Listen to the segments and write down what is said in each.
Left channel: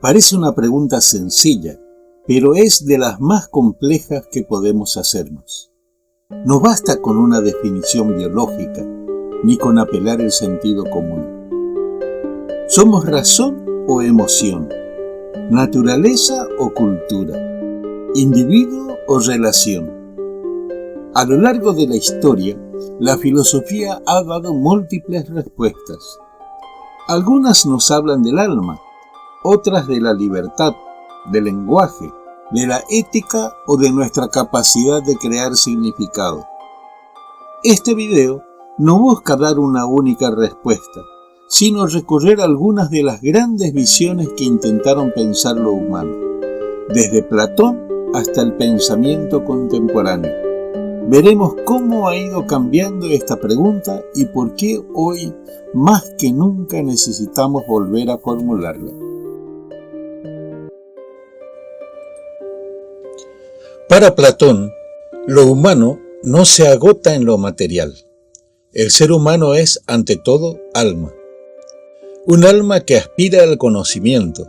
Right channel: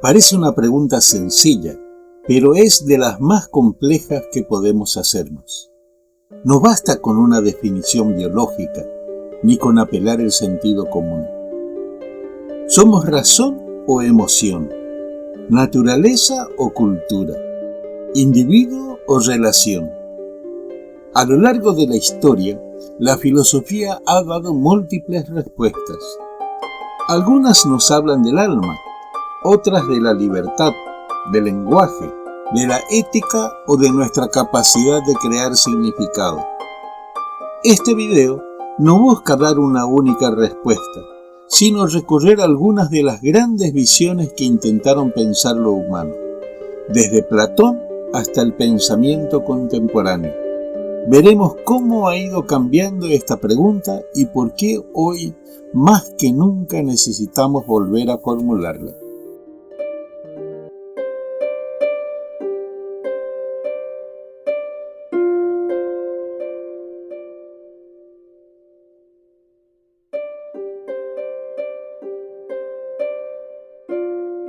Parece una pregunta sencilla, pero es de las más complejas que podemos hacernos. No basta con una definición biológica, ni con apelar el sentido común. ¿Somos razón o emoción? ¿Naturaleza o cultura? ¿Individuo o relación? A lo largo de la historia, la filosofía ha dado múltiples respuestas. Algunas nos hablan del alma, otras de la libertad, del lenguaje, de la ética o de nuestra capacidad de crear significado. Este video no busca dar una única respuesta, sino recorrer algunas de las grandes visiones que intentaron pensar lo humano, desde Platón hasta el pensamiento contemporáneo. Veremos cómo ha ido cambiando esta pregunta y por qué hoy, más que nunca, necesitamos volver a formularla. Para Platón, lo humano no se agota en lo material. El ser humano es, ante todo, alma. Un alma que aspira al conocimiento,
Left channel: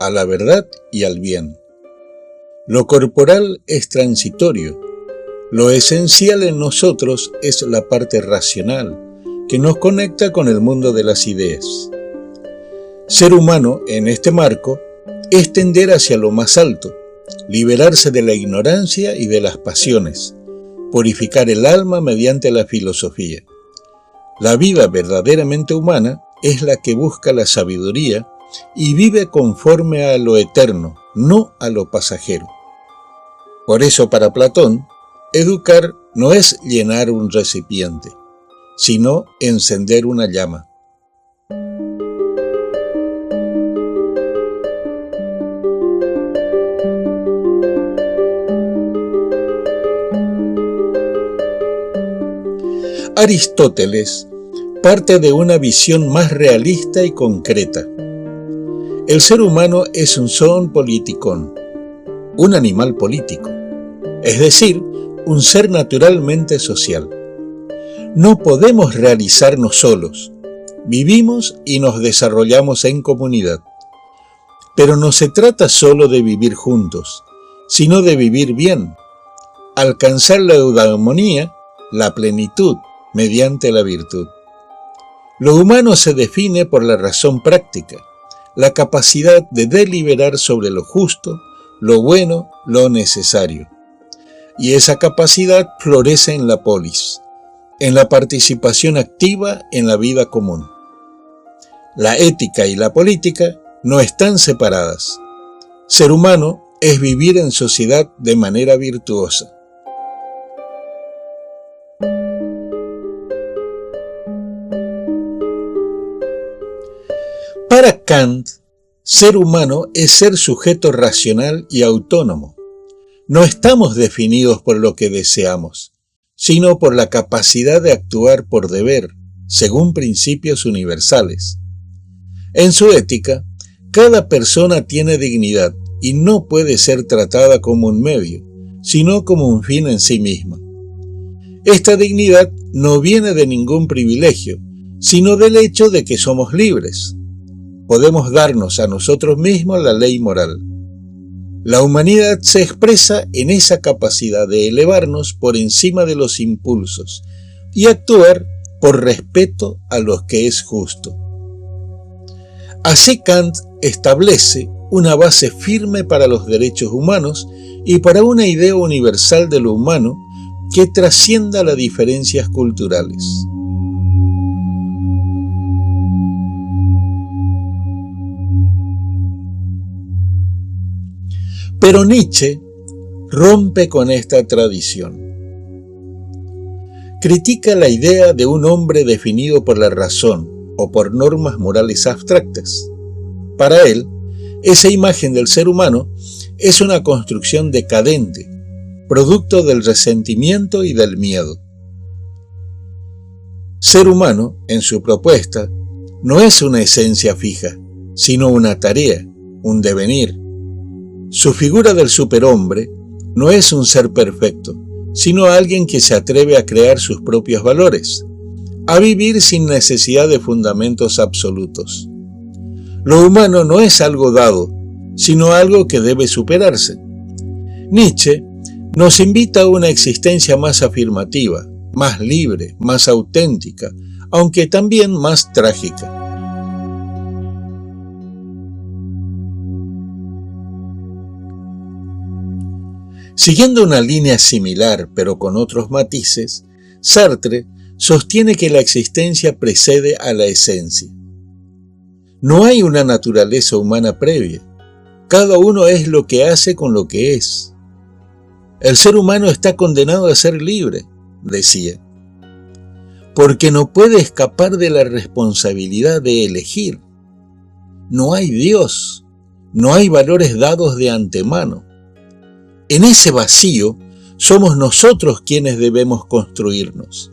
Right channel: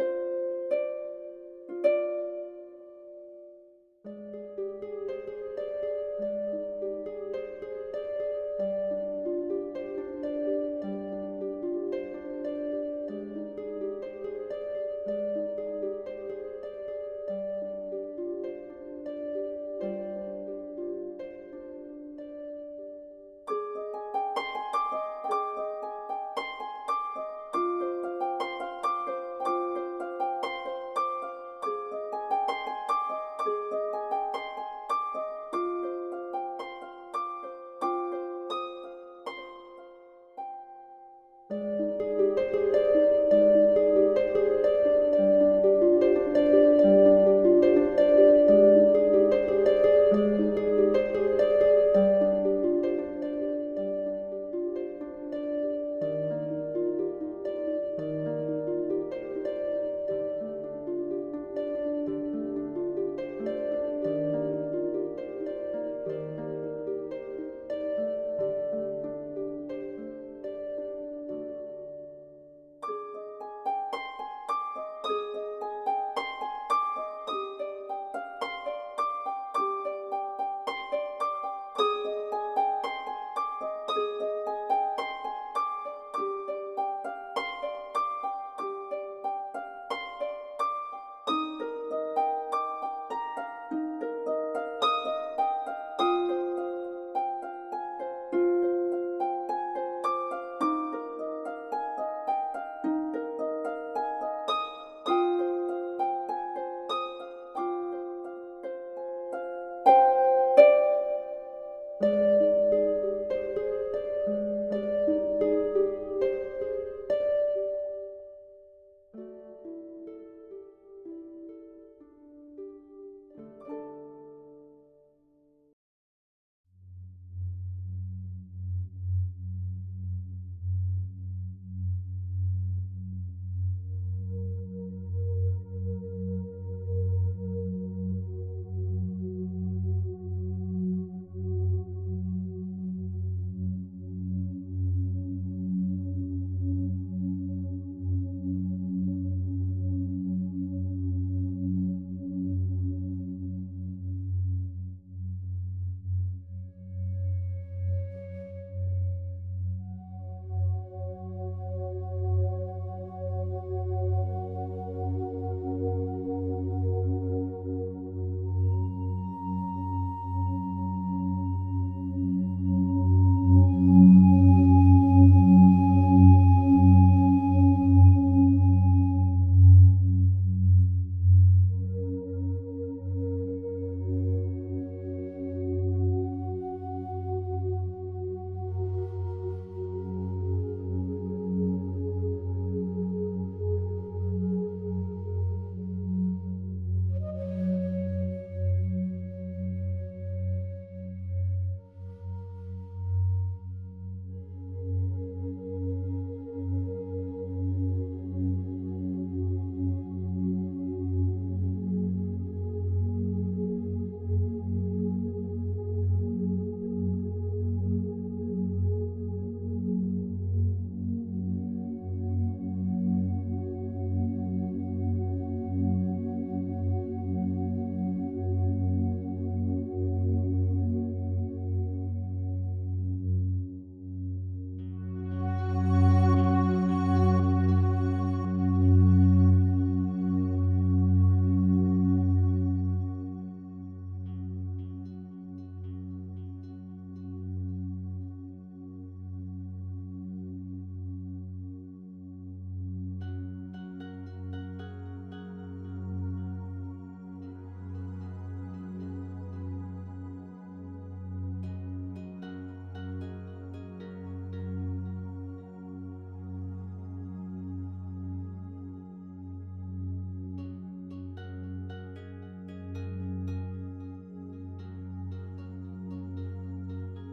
a la verdad y al bien. Lo corporal es transitorio. Lo esencial en nosotros es la parte racional, que nos conecta con el mundo de las ideas. Ser humano, en este marco, es tender hacia lo más alto, liberarse de la ignorancia y de las pasiones, purificar el alma mediante la filosofía. La vida verdaderamente humana es la que busca la sabiduría y vive conforme a lo eterno, no a lo pasajero. Por eso, para Platón, educar no es llenar un recipiente, sino encender una llama. Aristóteles parte de una visión más realista y concreta. El ser humano es un zoon politikon, un animal político, es decir, un ser naturalmente social. No podemos realizarnos solos, vivimos y nos desarrollamos en comunidad. Pero no se trata solo de vivir juntos, sino de vivir bien, alcanzar la eudamonía, la plenitud, mediante la virtud. Lo humano se define por la razón práctica, la capacidad de deliberar sobre lo justo, lo bueno, lo necesario. Y esa capacidad florece en la polis, en la participación activa en la vida común. La ética y la política no están separadas. Ser humano es vivir en sociedad de manera virtuosa. Para Kant, ser humano es ser sujeto racional y autónomo. No estamos definidos por lo que deseamos, sino por la capacidad de actuar por deber, según principios universales. En su ética, cada persona tiene dignidad y no puede ser tratada como un medio, sino como un fin en sí misma. Esta dignidad no viene de ningún privilegio, sino del hecho de que somos libres. Podemos darnos a nosotros mismos la ley moral. La humanidad se expresa en esa capacidad de elevarnos por encima de los impulsos y actuar por respeto a lo que es justo. Así Kant establece una base firme para los derechos humanos y para una idea universal de lo humano que trascienda las diferencias culturales. Pero Nietzsche rompe con esta tradición. Critica la idea de un hombre definido por la razón o por normas morales abstractas. Para él, esa imagen del ser humano es una construcción decadente, producto del resentimiento y del miedo. Ser humano, en su propuesta, no es una esencia fija, sino una tarea, un devenir. Su figura del superhombre no es un ser perfecto, sino alguien que se atreve a crear sus propios valores, a vivir sin necesidad de fundamentos absolutos. Lo humano no es algo dado, sino algo que debe superarse. Nietzsche nos invita a una existencia más afirmativa, más libre, más auténtica, aunque también más trágica. Siguiendo una línea similar, pero con otros matices, Sartre sostiene que la existencia precede a la esencia. No hay una naturaleza humana previa. Cada uno es lo que hace con lo que es. El ser humano está condenado a ser libre, decía, porque no puede escapar de la responsabilidad de elegir. No hay Dios, no hay valores dados de antemano. En ese vacío somos nosotros quienes debemos construirnos.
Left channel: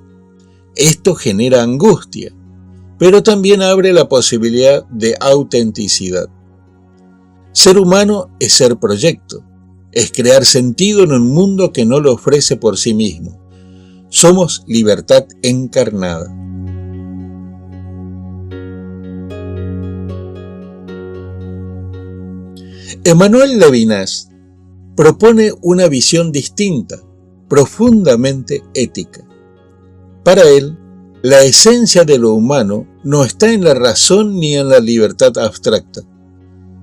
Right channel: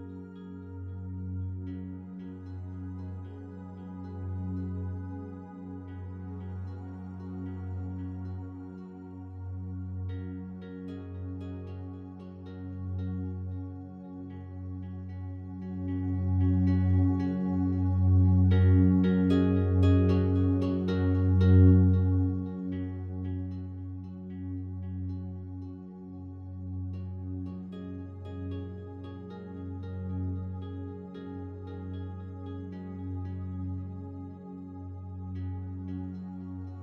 Esto genera angustia, pero también abre la posibilidad de autenticidad. Ser humano es ser proyecto, es crear sentido en un mundo que no lo ofrece por sí mismo. Somos libertad encarnada. Emmanuel Levinas propone una visión distinta, profundamente ética. Para él, la esencia de lo humano no está en la razón ni en la libertad abstracta,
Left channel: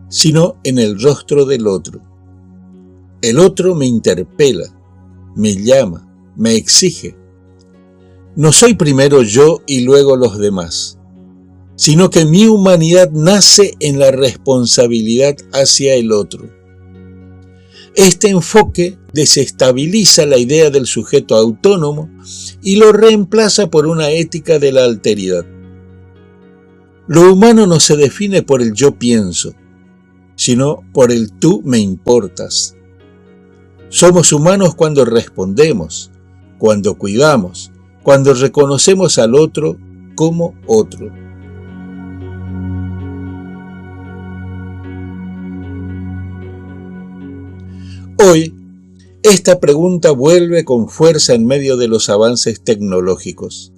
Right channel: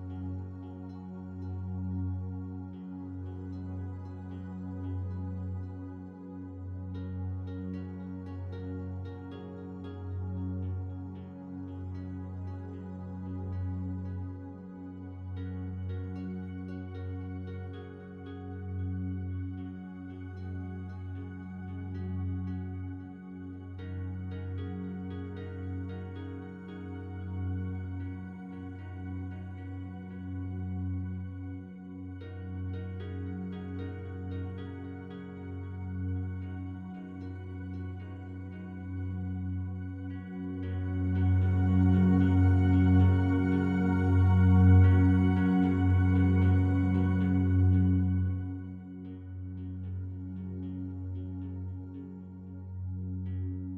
sino en el rostro del otro. El otro me interpela, me llama, me exige. No soy primero yo y luego los demás, sino que mi humanidad nace en la responsabilidad hacia el otro. Este enfoque desestabiliza la idea del sujeto autónomo y lo reemplaza por una ética de la alteridad. Lo humano no se define por el yo pienso, sino por el tú me importas. Somos humanos cuando respondemos, cuando cuidamos, cuando reconocemos al otro como otro. Hoy, esta pregunta vuelve con fuerza en medio de los avances tecnológicos.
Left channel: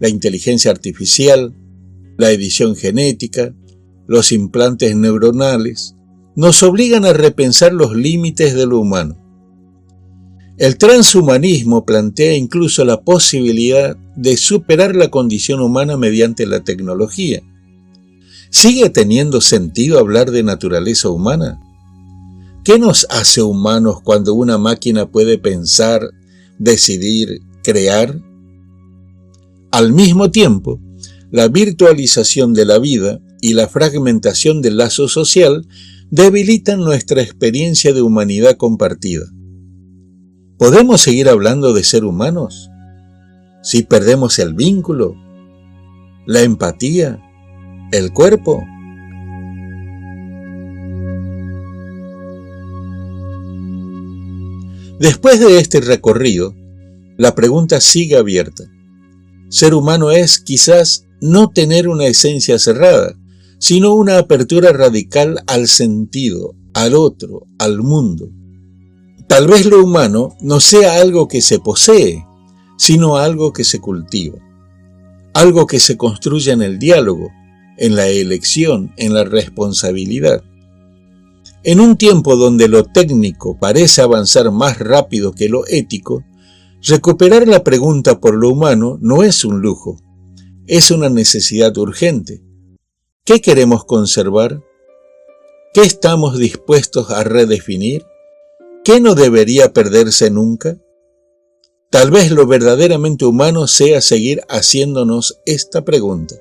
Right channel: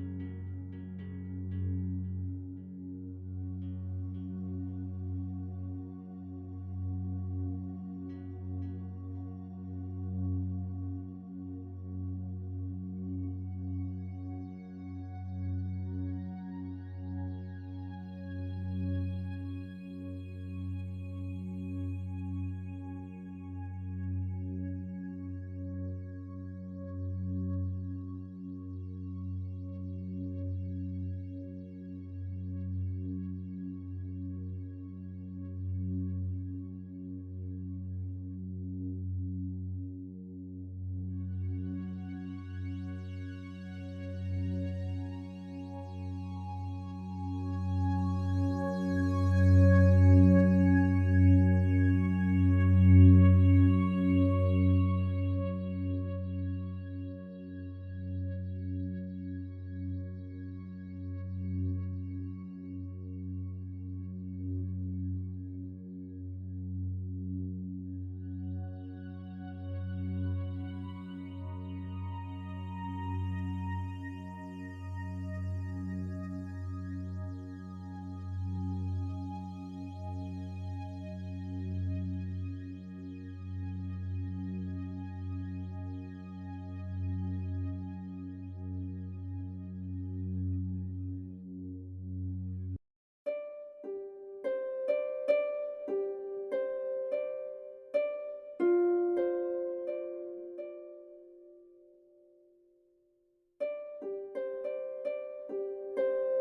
La inteligencia artificial, la edición genética, los implantes neuronales, nos obligan a repensar los límites de lo humano. El transhumanismo plantea incluso la posibilidad de superar la condición humana mediante la tecnología. ¿Sigue teniendo sentido hablar de naturaleza humana? ¿Qué nos hace humanos cuando una máquina puede pensar, decidir, crear? Al mismo tiempo, la virtualización de la vida y la fragmentación del lazo social debilitan nuestra experiencia de humanidad compartida. ¿Podemos seguir hablando de ser humanos si perdemos el vínculo, la empatía, el cuerpo? Después de este recorrido, la pregunta sigue abierta. Ser humano es, quizás, no tener una esencia cerrada, sino una apertura radical al sentido, al otro, al mundo. Tal vez lo humano no sea algo que se posee, sino algo que se cultiva, algo que se construye en el diálogo, en la elección, en la responsabilidad. En un tiempo donde lo técnico parece avanzar más rápido que lo ético, recuperar la pregunta por lo humano no es un lujo, es una necesidad urgente. ¿Qué queremos conservar? ¿Qué estamos dispuestos a redefinir? ¿Qué no debería perderse nunca? Tal vez lo verdaderamente humano sea seguir haciéndonos esta pregunta.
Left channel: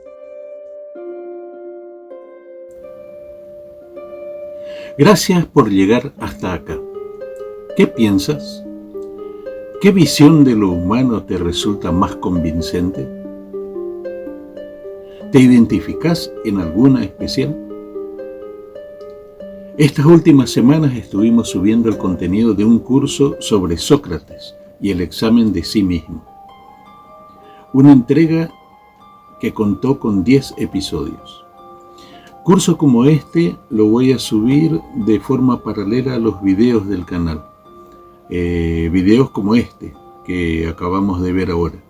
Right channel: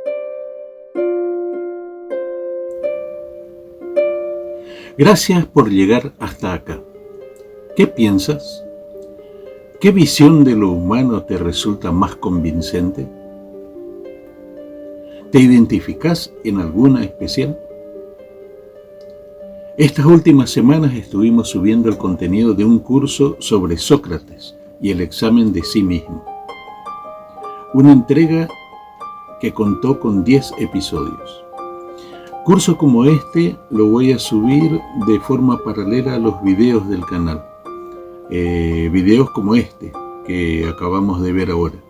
Gracias por llegar hasta acá. ¿Qué piensas? ¿Qué visión de lo humano te resulta más convincente? ¿Te identificás en alguna especial? Estas últimas semanas estuvimos subiendo el contenido de un curso sobre Sócrates y el examen de sí mismo. Una entrega que contó con 10 episodios. Curso como este lo voy a subir de forma paralela a los videos del canal. Videos como este que acabamos de ver ahora.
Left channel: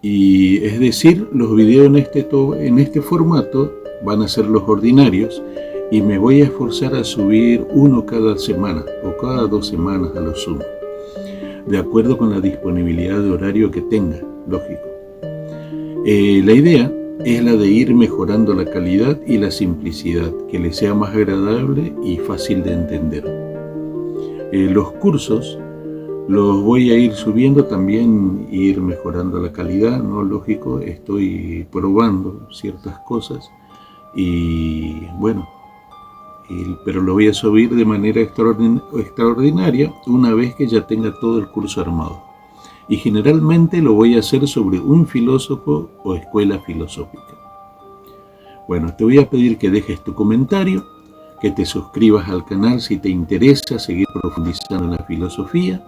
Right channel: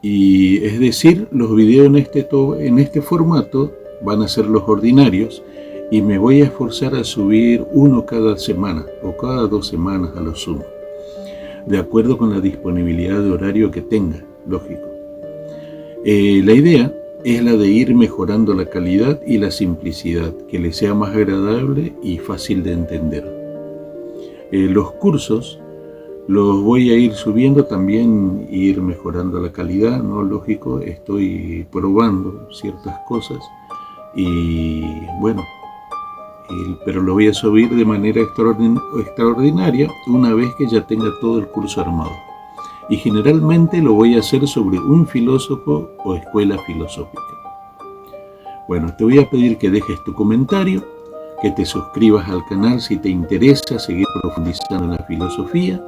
Y es decir, los videos en este formato van a ser los ordinarios y me voy a esforzar a subir uno cada semana o cada 2 semanas a lo sumo, de acuerdo con la disponibilidad de horario que tenga, lógico. La idea es la de ir mejorando la calidad y la simplicidad, que le sea más agradable y fácil de entender. Los cursos los voy a ir subiendo también, ir mejorando la calidad, ¿no? Lógico, estoy probando ciertas cosas y bueno, pero lo voy a subir de manera extraordinaria una vez que ya tenga todo el curso armado. Y generalmente lo voy a hacer sobre un filósofo o escuela filosófica. Bueno, te voy a pedir que dejes tu comentario, que te suscribas al canal si te interesa seguir profundizando en la filosofía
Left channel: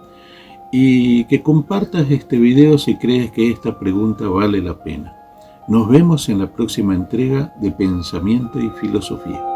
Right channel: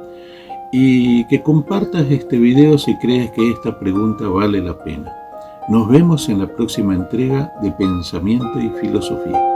y que compartas este video si crees que esta pregunta vale la pena. Nos vemos en la próxima entrega de Pensamiento y Filosofía.